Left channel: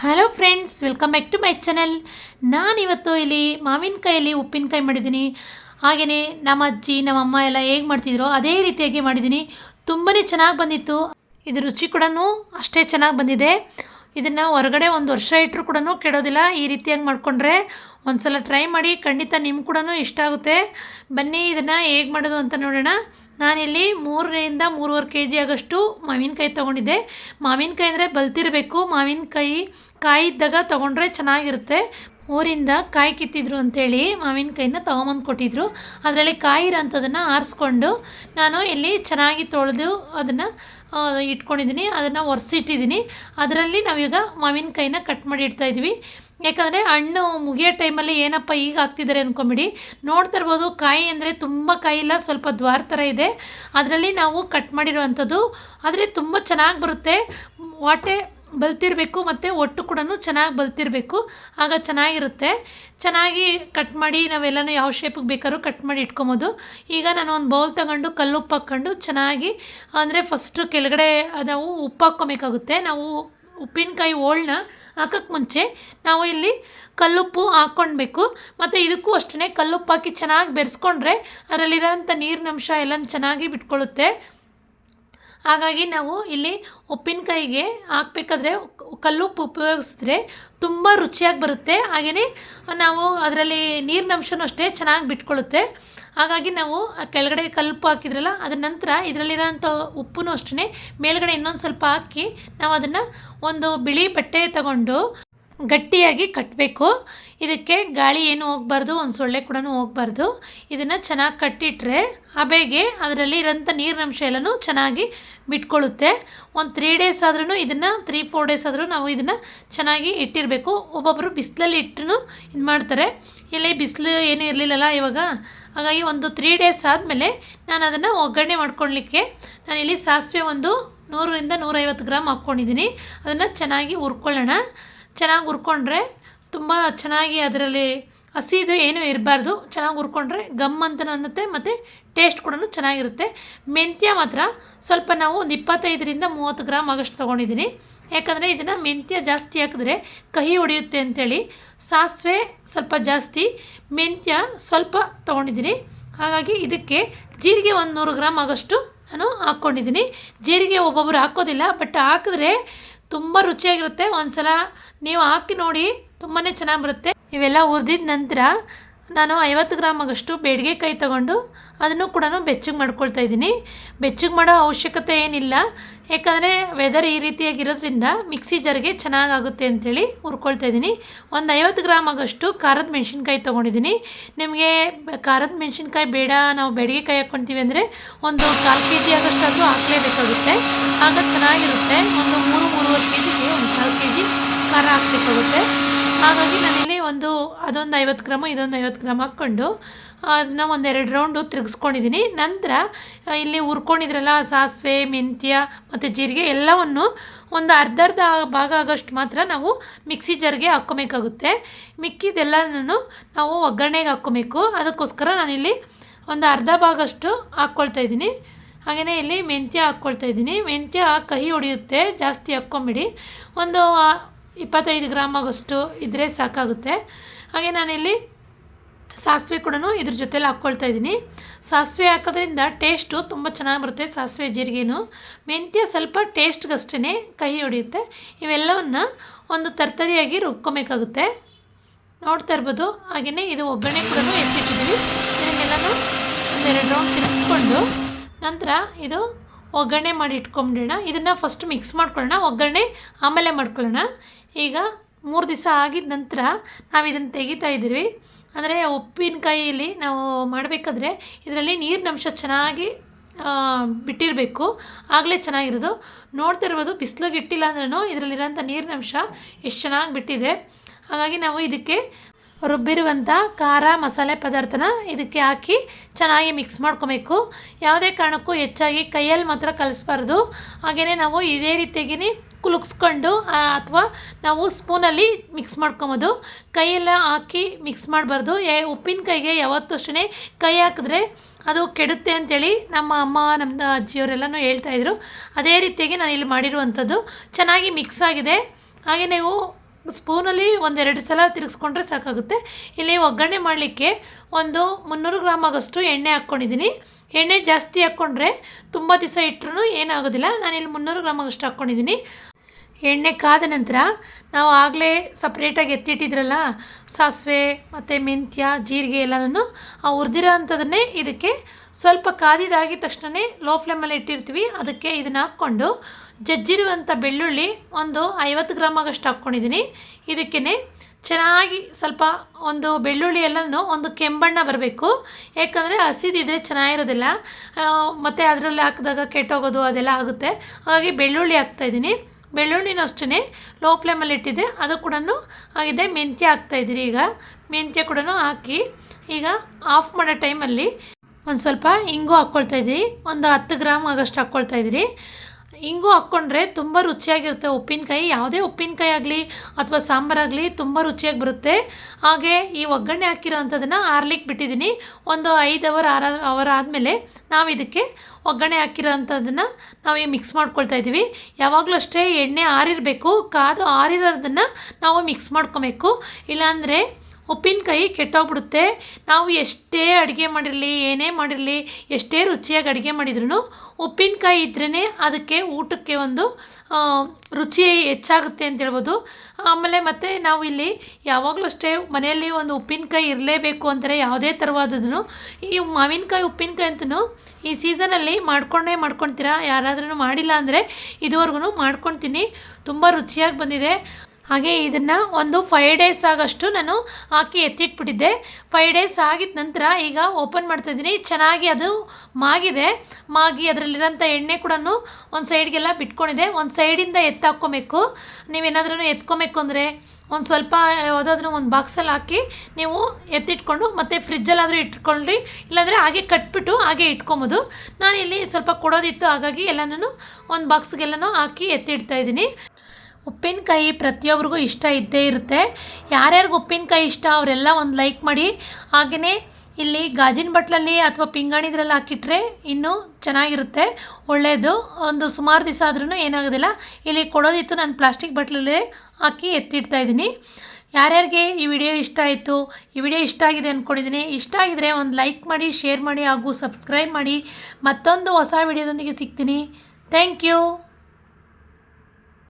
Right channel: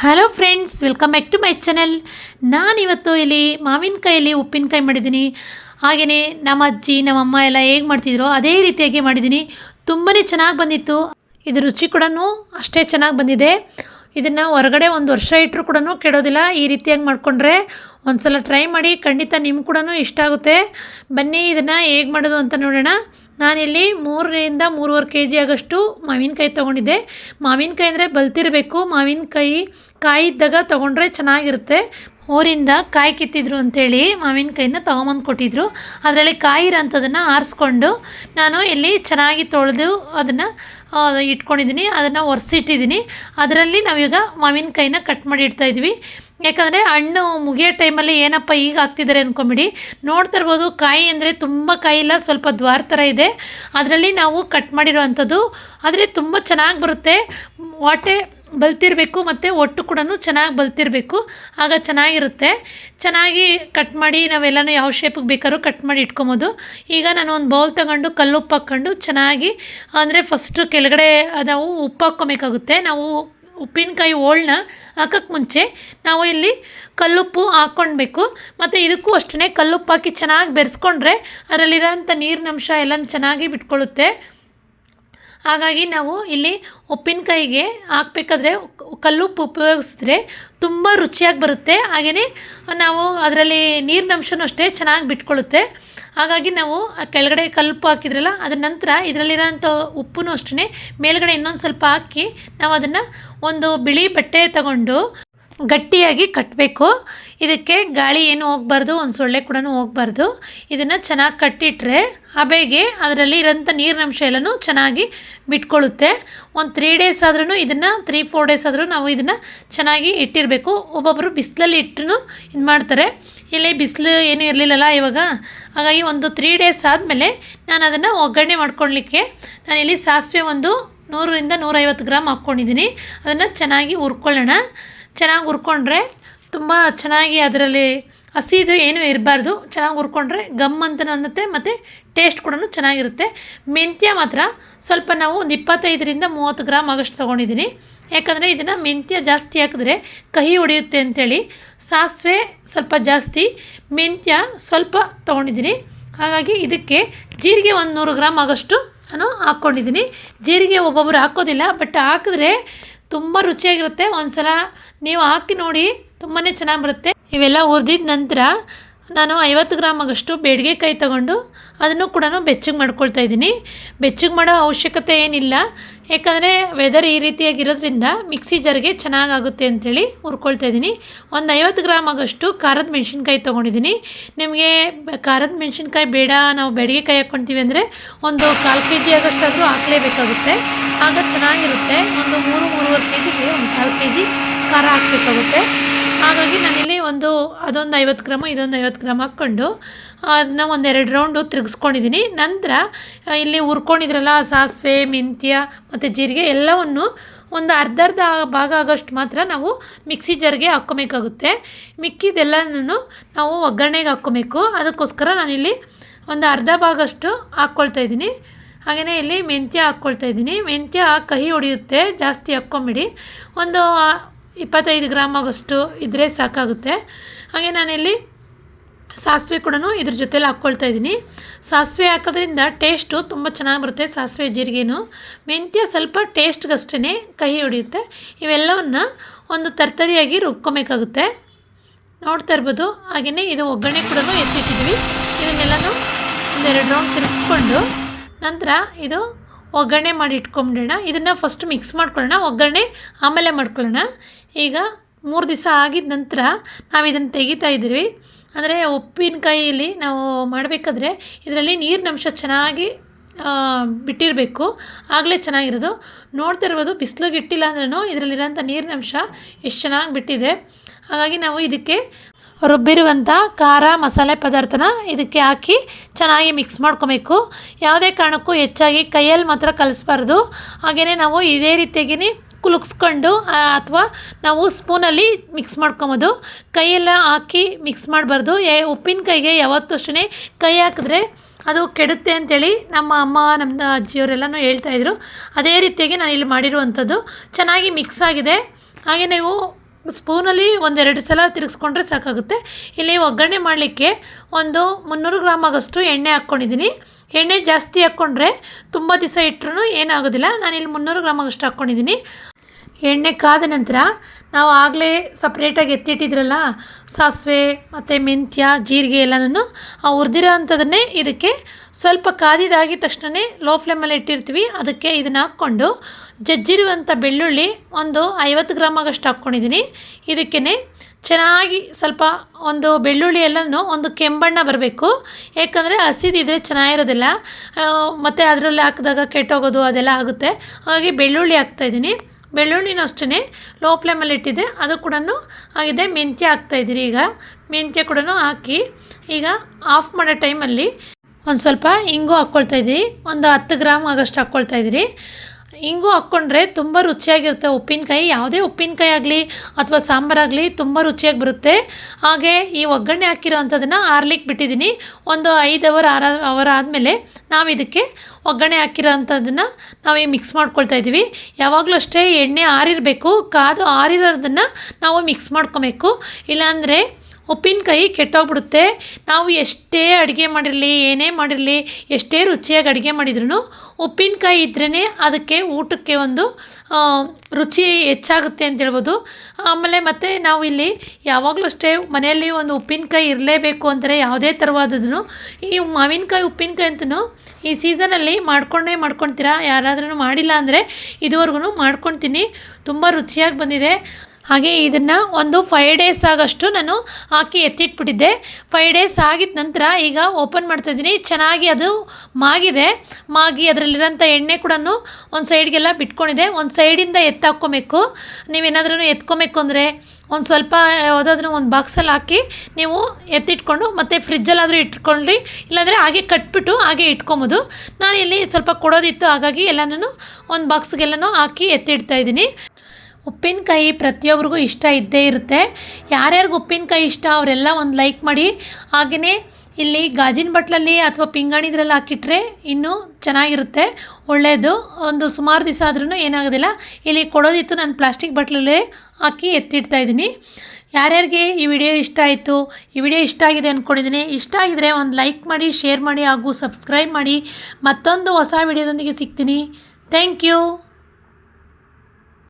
Hello friends, welcome back to my channel. ನಾನಿವತ್ತು ಇಲ್ಲಿ ಮಾವಿನಕಾಯಲ್ಲಿ ಉಪ್ಪಿನಕಾಯಿ ಮಾಡಿದ್ದೀನಿ. ಹಾಗೆಯೇ ನಮ್ಮ ಅಜ್ಜಿ ನಮ್ಮಮ್ಮ ಎಲ್ಲ ಹೇಗೆ ಮಾಡ್ತಿದ್ರೋ ಅದೇ ರೀತಿಯಾಗಿ ಮಾಡಿದ್ದೀನಿ. ತುಂಬಾ ಚೆನ್ನಾಗಿ ಬಂದಿತ್ತು. ಇದು ರುಚಿ ಕೂಡ ಅಷ್ಟೇ ಚೆನ್ನಾಗಿ ಬಂದಿದೆ. ಇದನ್ನು ಹೊರಗಡೆ ಒಂದು ವರ್ಷ ಇಟ್ಟರು ಕೂಡ ಕೆಡೋದಿಲ್ಲ. ಈ ರೀತಿಯಾಗಿ ಮಾಡಿಕೊಂಡ್ರೆ ಒಂದು ಸಲ ಟ್ರೈ ಮಾಡಿ, ಖಂಡಿತ ನಿಮ್ಗೆ ಕೂಡ ಇಷ್ಟ ಆಗುತ್ತೆ. ಬನ್ನಿ ಇದನ್ನು ಹೇಗೆ ಮಾಡೋದು ಅಂತ ನೋಡೋಣ. ನಾನಿಲ್ಲಿ 3ರಿಂದ 3.5 kg ಆಗೋಷ್ಟು ಮಾವಿನಕಾಯಿ ತೊಗೊಂಡಿದ್ದೆ. ಮಾವಿನಕಾಯಿ ಅಂದರೆ ಬಲ್ತಿರಬೇಕು. ಮಾವಿನಕಾಯಿ ಕಾಯಿ ಇದ್ದಾಗ ತೊಗೊಂಡ್ರೆ ಚೆನ್ನಾಗಿರುತ್ತೆ. ಊರಿಂದ ಕಾಯಿ ಕಿತ್ತಿದ್ರು ಅಂಥೇಳಿ ಮಾವಿನಕಾಯಿನ ತೊಗೊಂಬಂದು ಕೊಟ್ಟಿದ್ರು. ಅದರಲ್ಲಿ ಕಾಯಿ ಇರೋಂಥದ್ದನ್ನು ಆರಿಸ್ಕೊಂಡು ನಾನು ಇಲ್ಲಿ ಚೆನ್ನಾಗಿ ತೊಳೆದು ಅದನ್ನು ಇಟ್ಕೊಂಡಿದ್ದೀನಿ. ಅದನ್ನು ಒರೆಸಿಟ್ಟಿದ್ದೀನಿ. ಅದರಲ್ಲಿ ನಾವೀಗ ಮಾವಿನಕಾಯಿನ ಕಟ್ ಮಾಡಿ ಇಡ್ತಾಯಿದ್ವಿ. ಯಾಕಂದರೆ ಹಣ್ಣು ಮುಗಿಯೋ ಟೈಮಲ್ಲಿ ಏನಪ್ಪ ಈಗ ಹಾಕ್ತಿದ್ದಾರೆ ಅಂದ್ಕೊಂಬಿಡಿ. ನೋಡ್ತಾ ಇರ್ಬೋದು, ಕಾಯಿ ಅಂದರೆ ತುಂಬ ಕಾಯಿ ಇಲ್ಲ, ಸ್ವಲ್ಪ ದ್ವಾರ ಥರ ಇದೆ. ಅದರಲ್ಲಿ ನಾವು ಕಟ್ ಮಾಡಿರೋ ಅಂಥದ್ದು. ಆದರೆ ತುಂಬ ಚೆನ್ನಾಗಿ ಬರುತ್ತೆ. ವಾಟೆ ಬಲ್ತಿರಬೇಕು ಮತ್ತು ಒಟ್ಟು ಕೂಡ ಚೆನ್ನಾಗಿ ಬಲ್ತಿರಬೇಕು, ಆಗ ಚೆನ್ನಾಗಿರುತ್ತೆ. ಚೆನ್ನಾಗಿ ಕಟ್ ಮಾಡಿ ನಾವೆಲ್ಲನೂ ಯಾವ ಶೇಪಿಗೆ ಬೇಕಾದ್ರೂ ಕಟ್ ಮಾಡಿ ಇಟ್ಕೊಬೋದು. ಈಗ ನಾನು ಒಂದು ಬೌಲ್ ತಗೊಂಡು ಕಲ್ಲುಪ್ಪು ಹಾಕ್ಕೊಂಡು ಚೆನ್ನಾಗಿ, ಅಂದರೆ ಫಸ್ಟು ಕೆಳಗಡೆ ನಾವು ಉಪ್ಪು ಹಾಕ್ಕೊಬೇಕಾಗುತ್ತೆ. ನಾವು ಉಪ್ಪಿನಕಾಯಿ ಹೋಳನ್ನ ಹಾಕೋಕ್ಕೆ ಮುಂಚೆ ನಾವು ಇಲ್ಲಿ ಕಲ್ಲುಪ್ಪು ಹಾಕ್ಕೊಳ್ಬೇಕು. ಮತ್ತು ಇದಕ್ಕೂ ಅಷ್ಟೇ ಕಲ್ಲುಪ್ಪು ಹಾಕಿ ಚೆನ್ನಾಗಿ ಬೆರೆಸ್ಕೊಂಡ್ರೆ ಅದರಲ್ಲಿರೋಂಥ ನೀರಿನಂಶ ಎಲ್ಲ ಚೆನ್ನಾಗಿ ಬಿಟ್ಕೊಳ್ಳುತ್ತೆ. ಹಾಗಾಗಿ ನಾವು ಇಲ್ಲಿ ಉಪ್ಪಿನಕಾಯಿಗೆ ಹಾಕಬೇಕಾದ್ರೆ ಕಲ್ಲುಪ್ಪು ಉಪಯೋಗಿಸಿದ್ರೆ ತುಂಬ ರುಚಿಯಾಗಿ ಬರುತ್ತೆ. ಹಾಗೆಯೇ ನಾವು ಅದರಲ್ಲಿ ನೀರಿನಂಶನೂ ಅಷ್ಟೇ ಚೆನ್ನಾಗಿ ಬಿಟ್ಕೊಳ್ಳುತ್ತೆ. ಹಾಗಾಗಿ ನಾವು ಕೆಳಗಡೆ ಕಲ್ಲುಪ್ಪು ಹಾಕಿದ್ರಲ್ಲ, ಅದ ನಂತರ ಇದರಲ್ಲಿರೋಂಥ ಉಪ್ಪು ಅಷ್ಟೇ ಮೇಲ್ಗಡೆ ಇನ್ನೊಂದು ಸ್ವಲ್ಪ ಹಾಕಿ ನಾವು ಅದನ್ನು ಒಂದು ಬಿಳಿ ಬಟ್ಟೆ ತಗೊಂಡು ಗಟ್ಟಿಯಾಗಿ ಕಟ್ಟಬೇಕು. ಇದಕ್ಕೆ ಗಾಳಿ ಏನು ಹೋಗಬಾರ್ದು, ಒಂದು ಸೊಳ್ಳೆ ಕೂಡ ಹೋಗಬಾರ್ದು. ಇದನ್ನು ಚೆನ್ನಾಗಿ ಕಟ್ಟಿಟ್ರೆ ಹಬೆಗೆ ಅದರಲ್ಲಿ ಇರೋಂಥ ನೀರಿನಂಶ ಎಲ್ಲನೂ ಚೆನ್ನಾಗಿ ಬಿಟ್ಕೊಳ್ಳುತ್ತೆ. ಒಂದು 3 days ಆದ್ರೂ ಇದನ್ನು 3-4 days ಆದರೂ ನಾವು ಇದನ್ನು ಚೆನ್ನಾಗಿ ಇಟ್ಟಿರಬೇಕು. ಒಬ್ಬೊಬ್ಬರು ಬಿಸಿಲಲ್ಲಿ ಇಟ್ಟು ಇದು ಮಾಡ್ತಾರೆ. ಇಲ್ಲಿ ಬಿಸಿಲು ಏನೂ ಇರಲಿಲ್ಲಲ್ಲ ಇವಾಗ. ಹಾಗಾಗಿ ಒಂದು 3 days ಆದಮೇಲೆ ನಾನು ಅದನ್ನು ಒಗ್ಗರಣೆ ಮಾಡ್ಕೊಳ್ಲಿಕ್ಕೆ ನಾನಿಲ್ಲಿ ಸಾಸಿವೆ ಒಂದು 100ರಿಂದ 150 ಗ್ರಾಮ್ ಹಾಕ್ಕೊಂಡಿದ್ದೀನಿ. ಅದನ್ನು ಚೆನ್ನಾಗಿ ಹುರ್ಕೊಳ್ಳೋಣ. ಚೆನ್ನಾಗಿ ಹುರ್ಕೊಂಡ್ರೆ ತುಂಬ ಚೆನ್ನಾಗಿ ಅದರಲ್ಲಿ ಹಸಿದು ಏನೂ ಇರಬಾರ್ದು. ಚೆನ್ನಾಗಿ ಹುರ್ಕೊಂಡ್ರೆ ಗಮ್ ಅಂತಲೂ ಅನ್ನುತ್ತೆ ಮತ್ತು ಟೇಸ್ಟ್ ಕೂಡ ಚೆನ್ನಾಗಿರುತ್ತೆ. ಮೆಂತ್ಯ ಮಾತ್ರ ಸ್ವಲ್ಪ ನಾವು ಒಂದು 25ರಿಂದ 30 ಗ್ರಾಮ್ ಆಗೋಷ್ಟು ತೊಗೊಂಡಿದ್ದೀನಿ. ಯಾಕಂದರೆ ಇದನ್ನು ಮೆಂತ್ಯ ಜಾಸ್ತಿ ಹಾಕಿದ್ರೆ ಕಹಿ ಹೊಡೆಯುತ್ತೆ ಅಂಥೇಳಿ ಸಾಸಿವೆ ಸ್ವಲ್ಪ ಜಾಸ್ತಿ, ಮೆಂತ್ಯ ಸ್ವಲ್ಪ ತೊಗೊಂಡಿದ್ದೀನಿ. ಹಾಗಾಗಿ ಇದಕ್ಕೆ ಜೀರಿಗೆ ಒಂದು 100 ಗ್ರಾಮ್ ಆಗೋಷ್ಟು ನಾನು ಹಾಕ್ಕೊಂಡಿದ್ದೀನಿ. ಜೀರಿಗೆ ಒಬ್ಬೊಬ್ಬರು ಹಾಕೋದಿಲ್ಲ, ಬಟ್ ಹಾಕಿದ್ರೆ ತುಂಬ ರುಚಿಯಾಗಿರುತ್ತೆ. ಒಂದು ಸಲ ನೀವು ಹಾಕಿ ನೋಡಿ, ತುಂಬಾ ಚೆನ್ನಾಗಿ ಬರುತ್ತೆ. ಇವೆಲ್ಲ ಹುರಿದಿದ ನಂತರ ನಾನು 50 ಗ್ರಾಮ್ ಆಗೋಷ್ಟು ಬೇಡಿಗೆಕಾಯಿ ತೊಗೊಂಡು ಅದನ್ನು ಕೂಡ ಬೆಚ್ಚಗೆ ಮಾಡ್ಕೊಳ್ತಾ ಇದ್ದೀನಿ. ಬೆಚ್ಚಗೆ ಮಾಡೋ ಅವಶ್ಯಕತೆ ಏನಿಲ್ಲ, ಯಾಕಂದರೆ ವೆದರ್ ಈ ರೀತಿಯಾಗಿರೋದ್ರಿಂದ ಮಿಕ್ಸಿ ಜಾರ್ಗೆ ಚೆನ್ನಾಗಾಗುತ್ತೆ ಅಂಥೇಳಿ ಹುರ್ಕೊಳ್ತಾ ಇದ್ದೀನಿ. ಒಂದು 50 ಗ್ರಾಮ್ ಆಗೋಷ್ಟು ಖಾರದ ಮೆಣಸಿನ್ಕಾಯಿ ತೊಗೊಂಡಿದ್ದೀನಿ. ನಿಮಗೆ ಖಾರದ ಮೆಣಸಿನ್ಕಾಯಿ ಬೇಡ, ನಾವು ಬೇಡಿಗೆಕಾಯಿ ಹಾಕ್ಕೊಳ್ತೀವಿ ಅಂದರೆ ಒಂದು 1/4 kg ಆಗೋಷ್ಟಾದರೂ ಹಾಕಲೇಬೇಕಾಗುತ್ತೆ. ಆಗ ಚೆನ್ನಾಗಿರುತ್ತೆ. ಒಂದು 3-3.5 kgಗೆ ಒಂದು 1/4 kg ಖಾರ ಹಾಕಬೇಕಾಗುತ್ತೆ. ಹಾಗಾಗಿ ನಾನಿಲ್ಲಿ ಅದೊಂದು 50 ಗ್ರಾಮು ಇದೊಂದು 50 ಗ್ರಾಮ್ ಹಾಕ್ಕೊಂಡು ಅದನ್ನ 1-2 ರೌಂಡು ತಿರುಗಿಸ್ಕೊಂಡಿದ್ದೀನಿ. ನಂತರ ಇಲ್ಲಿ ಹುರ್ಕೊಂಡಿದ್ರಲ್ಲ ಸಾಸಿವೆ, ಮೆಂತ್ಯ ಮತ್ತು ಜೀರಿಗೆ ಎಲ್ಲವನ್ನು ಒಂದು ಅರ್ಧ ಭಾಗ ಆಗೋಷ್ಟು ಮಾತ್ರ ನಾವು ಮಿಕ್ಸಿ ಜಾರ್ಗೆ ಹಾಕ್ಕೊಬೇಕಾಗುತ್ತೆ. ಮಿಕ್ಕಿದೆಲ್ಲನೂ ನಾವು ಒಗ್ಗರಣೆಗೆ ಹಾಕ್ಕೊಬೇಕು. ಅದಕ್ಕೋಸ್ಕರ ನಾನಿಲ್ಲಿ ಒಂದು ಅರ್ಧ ಭಾಗಷ್ಟು ಹಾಕ್ಕೊಳ್ತಾ ಇದ್ದೀನಿ. ಹಾಗೆಯೇ ಇಲ್ಲಿ ಮೆಂತ್ಯ ಹಾಕ್ಕೊಳ್ತಾ ಇದ್ದೀನಿ. ಮೆಂತ್ಯ ಕಹಿ ಹೊಡೆಯುತ್ತೆ, ಜಾಸ್ತಿ ಹಾಕ್ಕೊಂಬಿಡಿ. ಒಂದು 25 ಗ್ರಾಮ್ ಆಗೋಷ್ಟು ಇದ್ದರೆ ಸಾಕಾಗುತ್ತೆ. ಹಾಗೆ ನಾನಿಲ್ಲಿ ಸಾಸಿವೆ ಕೂಡ ಇದ್ರ ಜೊತೆಲಿ ಹಾಕ್ಕೊಳ್ತಾ ಇದ್ದೀನಿ. ಸಾಸಿವೆ ಹಾಕೋದ್ರಿಂದ ಟೇಸ್ಟು ತುಂಬ ಚೆನ್ನಾಗಿ ಬರುತ್ತೆ, ಸಾಸಿವೆ ಜೀರಿಗೆನೂ. ಮೆಂತ್ಯ ಸ್ವಲ್ಪ ಟೇಸ್ಟ್ಗಷ್ಟೇ ಕಹಿ ಹೊಡೆಯುತ್ತೆ. ಇವೆಲ್ಲವನ್ನು ಒಂದು ತರ್ತರಿಯಾಗಿ ರುಬ್ಕೊಬೇಕಾಗುತ್ತೆ. ನೋಡ್ತಾ ಇರ್ಬೋದು. ಹಾಗೆಯೇ ಇದು ಒಗ್ಗರಣೆ ಕೂಡ ಎತ್ತಿಟ್ಟಿದ್ದೀವಿ. ಇದನ್ನೆಲ್ಲನೂ 1-2 ರೌಂಡ್ ತಿರುಗಿಸ್ಕೊಂಡು ನಂತರ ಇದು ಒಗ್ಗರಣೆ ಮಾಡಿ ಇಟ್ಕೊಂಬಿಡೋಣ. ಇದನ್ನು ಫಸ್ಟ್ ಮಿಕ್ಸ್ ಮಾಡ್ಕೊಳ್ಳೋಣ, ಒಗ್ಗರಣೆ ಆಮೇಲೆ ಮಾಡ್ಕೊಳ್ಳೋಣ. ಈಗ 3 ದಿವಸ ಆಗಿದ ನಂತರ ನಾವು ಇದನ್ನು ತೆಗಿತಾ ಇದ್ದೀವಿ. ಅಂದರೆ ಉಪ್ಪಿನಕಾಯಿಯಲ್ಲಿ ನಾವು ಮಾಡಬೇಕಾದ್ರೆ ಇದರಲ್ಲಿ ನೀರಿನಂಶ ಚೆನ್ನಾಗಿ ಬಿಟ್ಟಿರಬೇಕು, ಆಗಲೇ ಚೆನ್ನಾಗಿರೋದು. ನೋಡ್ತಾ ಇರ್ಬೋದು, ಬಿಸಿಲಿಗೆ ಇಟ್ಟಿಲ್ಲ ಅಂದ್ರೂ ಇದರಲ್ಲಿರೋಂಥ ನೀರಿನಂಶ ಎಷ್ಟು ಚೆನ್ನಾಗಿ ಬಿಟ್ಟಿದೆ. ಹಾಗಾಗಿ ನಾವು ಇದಕ್ಕೆ ರುಬ್ಬಿರುವಂಥ ಖಾರ ಮಸಾಲೆ ಪದಾರ್ಥನ ಇದಕ್ಕೆ ಹಾಕಿ ಚೆನ್ನಾಗಿ ಮಿಕ್ಸ್ ಮಾಡ್ಕೊಬೇಕು. ಯಾವುದೇ ಕಾರಣಕ್ಕೂ ಹೆಚ್ಚಾಗಿ ಕೈಯಲ್ಲಿ ಮಾತ್ರ ಕಲಿಸ್ಬಾರ್ದು. ಹಾಗೆಯೇ ನಾವು ಇದೇ ರೀತಿಯಾಗಿ ಕುಲುಕ್ಸ್ಕೊಂಡು ಅಥವಾ ನಾವು ಸ್ಪೂನಲ್ಲಿ ಮಿಕ್ಸ್ ಮಾಡ್ಕೊಬೋದು. ಕೈಯೆಲ್ಲ ಹಾಕಿ ಮಿಕ್ಸ್ ಮಾಡಬಾರ್ದು. ಉಪ್ಪಿನಕಾಯಿಗೆ ಯಾವತ್ತೂ ಅಷ್ಟೇ ಕೈ ಹಾಕಿದ್ರೆ ಅದು ಕೆಡುತ್ತೆ ಅಂಥೇಳಿ ನಮ್ಮ ಅಮ್ಮ ನಮ್ಮ ಅಜ್ಜಿಯವರೆಲ್ಲನೂ ಹೇಳ್ತಾಯಿದ್ರು. ಅದೇ ರೀತಿಯಾಗಿ ನಾನು ಇಲ್ಲಿ ಮಾಡಿರುವಂಥದ್ದು ಚೆನ್ನಾಗಿ ಮಿಕ್ಸ್ ಆಗಿದೆ. ಹಾಗೆ ನೀವು ಸ್ಪೂನಲ್ಲಿ ಒಂದೆರಡು ಸಲ ತಿರುಗಿಸ್ಕೊಂಡ್ರೆ ಸಾಕಾಗುತ್ತೆ. ಇಲ್ಲಿ ಒಗ್ಗರಣೆ ಮಾಡಲಿಕ್ಕೆ ಒಂದು 300 ಗ್ರಾಮ್ ಆಗೋಷ್ಟು ಎಣ್ಣೆ ಹಾಕ್ಕೊಂಡಿದ್ದೀನಿ. ಎಣ್ಣೆ ಜಾಸ್ತಿ ಹಾಕ್ಕೊಂಡ್ರೆ ತುಂಬ ದಿವಸ ಇಟ್ಟರೂ ಏನಾಗೋದಿಲ್ಲ. ನಾನಿಲ್ಲಿ 300 ಗ್ರಾಮ್ ಆಗೋಷ್ಟು ಹಾಕ್ಕೊಂಡಿದ್ದೀನಿ. ಎಣ್ಣೆ ಕಾದ ನಂತರ ನಾವು ಆಗಲೇ ಸಪ್ರೇಟಾಗಿ ಎತ್ತಿಟ್ಟಿದ್ರಲ್ಲ ಸಾಸಿವೆ ಮತ್ತು ಮೆಂತ್ಯ ಜೀರಿಗೆ ಎಲ್ಲನೂ ಆ ಹುರಿದಿರೋ ಅಂಥದ್ದನ್ನೇ ಇದಕ್ಕೆ ಸ್ವಲ್ಪ ಕಾದಿದಾಗಿದ ತಕ್ಷಣವೇ ಲೋ ಫ್ಲೇಮಲ್ಲಿ ಇಟ್ಟಿರ್ತೀವಿ. ಅದಕ್ಕೆ ಇದನ್ನು ಹಾಕ್ಕೊಂಡು ಜಜ್ಜಿರುವಂಥ ಬೆಳ್ಳುಳ್ಳಿ ಒಂದು 50 ಗ್ರಾಮ್ ಆಗೋಷ್ಟು ಹಾಕ್ಕೊಂಡಿದ್ದೀನಿ. ಇದಕ್ಕೇ ಚೆನ್ನಾಗಿ ಸ್ವಲ್ಪ ಒಂದು ಬೆಳ್ಳುಳ್ಳಿ ಎಲ್ಲನೂ ಒಂದು ಕೆಂಬಣ್ಣ ಬರಬೇಕು. ಏಕೆಂದರೆ ಹಸಿದಿದ್ರೆ ಚೆನ್ನಾಗಿರೋದಿಲ್ಲ, ಮತ್ತು ಅದರಲ್ಲಿ ಹಾಕಿದಾಗ ಕೆಟ್ಟೋಗೋದು ಅದೆಲ್ಲ ಆಗುತ್ತೆ. ಹಾಗಾಗಿ ಬೆಳ್ಳುಳ್ಳಿ ಹಾಕ್ತಾಯಿದ್ದೀನಿ. ಬೆಳ್ಳುಳ್ಳಿನೂ ಅಷ್ಟೇ ಲೋ ಫ್ಲೇಮಲ್ಲಿ ಇಟ್ಟಿದ್ದೆ. ಅದು ಕೂಡ ಆಗಿದೆ. ಮೆಂತ್ಯ ಹಾಕ್ತಾಯಿದ್ದೀರಿ. ಈಗ ಮೆಂತ್ಯ ಕೂಡ ಹಾಕಿ ಈಗ ಆಫ್ ಮಾಡೋ ಟೈಮಲ್ಲಿ ಒಂದು ಸ್ವಲ್ಪ ಇಂಗು ಹಾಕ್ಕೊಳ್ತಾಯಿದ್ದೀರಿ. ಒಂದು 10 ಗ್ರಾಮ್ ಆಗೋಷ್ಟು ಹಾಕ್ಕೊಳ್ತಾಯಿದ್ದೀರಿ. ಇಂಗು ಹಾಕ್ಕೊಂಡ್ರೆ ತುಂಬ ರುಚಿಯಾಗಿರುತ್ತೆ ಉಪ್ಪಿನಕಾಯಿ. ಯಾವುದೇ ಉಪ್ಪಿನಕಾಯಿ ಆಗಲಿ ಅಥವಾ ಸಾಂಬಾರಾಗಲಿ ತುಂಬ ರುಚಿಯಾಗಿ ಬರುತ್ತೆ. ಹಾಗೆ ಈ ಒಗ್ಗರಣೆ ಹಾಕಿರೋ ಅಂಥದ್ದನ್ನು ಆರ್ಲಿಕ್ಕೆ ಬಿಟ್ಟಿದ್ದೀನಿ. ಒಂದು 5 ಅವರ್ ಆದಮೇಲೆ ನಾವು ಇದಕ್ಕೆ ಒಗ್ಗರಣೆ ಹಾಕಿರೋ ಅಂಥದ್ದನ್ನು ನಾವು ಮಿಕ್ಸ್ ಮಾಡ್ಕೊಳ್ತಾ ಇದ್ದೀವಿ. ಯಾವಾಗಲೂ ಅಷ್ಟೇ ಎಣ್ಣೆ ಆರಿರಬೇಕು. ಕಾದು ಆರಿರೋದನ್ನು ನಾವು ಮಿಕ್ಸ್ ಮಾಡ್ಕೊಬೇಕು. ಇಲ್ಲಾಂದರೆ ಉಪ್ಪಿನಕಾಯಿ ಕೆಟ್ಟೋಗ್ಬಿಡುತ್ತೆ. ನಾವು ಎಷ್ಟೇ ಅಡುಗೆ ಮಾಡಿರಲಿ, ಏನೇ ಮಾಡಿರಲಿ, ಎಷ್ಟೇ ರುಚಿಯಾಗಿ ಅಡುಗೆ ಮಾಡಿದ್ರೂ ಉಪ್ಪಿನಕಾಯಿ ಇದ್ರೇ ಅದಕ್ಕೆ ಊಟಕ್ಕೆ ಒಂದು ರುಚಿ ಹೆಚ್ಚಾಗುತ್ತೆ ಅಂತ ಹೇಳ್ಬೋದು. ಆಮೇಲೆ ಮತ್ತು ನಾವು ಇಲ್ಲಿ ಯಾವಾಗಲೂ ಅಷ್ಟೇ ಮನೆಯಲ್ಲಿ ಒಂದು ಉಪ್ಪಿನಕಾಯಿ ಇರಲೇಬೇಕು ಅಂತಾರೆ. ಯಾವುದೇ ಥರವಾದದ್ದು ಈ ಮಾವಿನಕಾಯಿ ಉಪ್ಪಿನಕಾಯಿ ಅಂತೂ ಈ ಸೀಸನಲ್ಲಿ ಮಾಡ್ಕೊಳ್ತೀರಾ. ಯಾರಾದ್ರೂ ಮಾಡಿಲ್ಲ ಅಂದರೆ ಇದುವರೆಗೂ ಮಾಡ್ಕೊಳ್ತೀನಿ. ತುಂಬ ರುಚಿಯಾಗಿ ಬಂದಿದೆ. ಹಾಗೆ ಇದನ್ನು ಒಂದು 5 ಡೇಸ್ ಆಗೋಷ್ಟು ನಾನು ಹಾಕಿ ಎತ್ತಿಟ್ಬಿಟ್ಟಿದ್ದೆ. 5 ಡೇಸ್ ಆಗಿದ ನಂತರ ಈಗ ಓಪನ್ ಮಾಡ್ತಾಯಿದ್ದೀನಿ. ಚೆನ್ನಾಗಿ ಅದು ಮಾಗಿ ಅದರಲ್ಲಿರೋಂಥ ಎಣ್ಣೆ ಕೂಡ ಒಂದು ಸೈಡ್ಗೆಲ್ಲ ಬಿಟ್ಕೊಂಡಿದೆ. ಒಂದು ಸೈಡಿಂದ ಎತ್ತಾಕ್ಕೊಬೇಕು. ನೀವೇನಾದ್ರೂ ಎತ್ಕೊಬೇಕು ಅಂದರೆ ಒಂದು ಸ್ವಲ್ಪ ಯಾವುದಾದ್ರೂ ಒಂದು ಬಾಕ್ಸಲ್ಲಿ ಹಾಕಿ ನೀವು ಎತ್ತಿಟ್ಕೊಂಡು ಮತ್ತು ಫ್ರಿಜ್ಜಲ್ಲಾದರೂ ಇಟ್ಕೊಂಡ್ರಿ. ಇಲ್ಲಾಂದರೆ ಹಾಗೆ ಕಟ್ಬಿಟ್ಟು ಹಾಗೆ ಇಟ್ಕೊಬೋದು. ನಾನಿಲ್ಲಿ ಸ್ವಲ್ಪ ಕೊಡೋದಿತ್ತು, ಹಾಗಾಗಿ ಎಲ್ಲನೂ ಒಂದು ಬಾಕ್ಸ್ಗೆಲ್ಲನೂ ಹಾಕಿ ಎತ್ತಿಡ್ತಾಯಿದ್ದೀನಿ. ಉಪ್ಪಿನಕಾಯಿ ಪ್ರತಿಯೊಬ್ಬರಿಗೂ ಇಷ್ಟ ಇದ್ದೇ ಇರುತ್ತೆ. ಯಾರ್ಯಾರಿಗೂ ಉಪ್ಪಿನಕಾಯಿ ಇಷ್ಟ ಅವರೆಲ್ಲ ಒಂದು ಲೈಕ್ ಮಾಡಿ. ಹಾಗೆಯೇ ಇಲ್ಲಿ ಗಾಜಿನ ಬಟ್ಲಲ್ಲಿ ಅಥವಾ ಪಿಂಗಾಣಿದ್ರಲ್ಲಿ ಹಾಕಿಟ್ರೆ ಇನ್ನೂ ಚೆನ್ನಾಗಿರುತ್ತೆ, ಒಳ್ಳೆಯದು. ಒಂದು ಸುಮಾರು ದಿವಸ ಆದ್ರೂ ಏನಾಗೋದಿಲ್ಲ. ಇಲ್ಲಿ ಕೊಡೋದಿತ್ತು, ನಾನು ಪ್ಲಾಸ್ಟಿಕ್ ಬಟ್ಲಲ್ಲೇ ಹಾಕಿ ಎತ್ತಿಡ್ತಾಯಿದ್ದೀನಿ. ಯಾರ್ಯಾರಿಗೆ ಈ ವಿಡಿಯೋ ಇಷ್ಟ ಆಯಿತು, ಈ ವಿಡಿಯೋ ಇಷ್ಟ ಆಗಿದೆ ಅಂದ್ಕೊಂಡಿದ್ದೀನಿ. ಇಷ್ಟ ಆಗಿದರೆ ಒಂದು ಲೈಕ್ ಮಾಡಿ, ಶೇರ್ ಮಾಡಿ ಹಾಗೂ ಸಬ್ಸ್ಕ್ರೈಬ್ ಮಾಡಿ. ಮತ್ತೊಂದು ಹೊಸ ವಿಡಿಯೋದೊಂದಿಗೆ ಸಿಗ್ತೀನಿ. Thank you.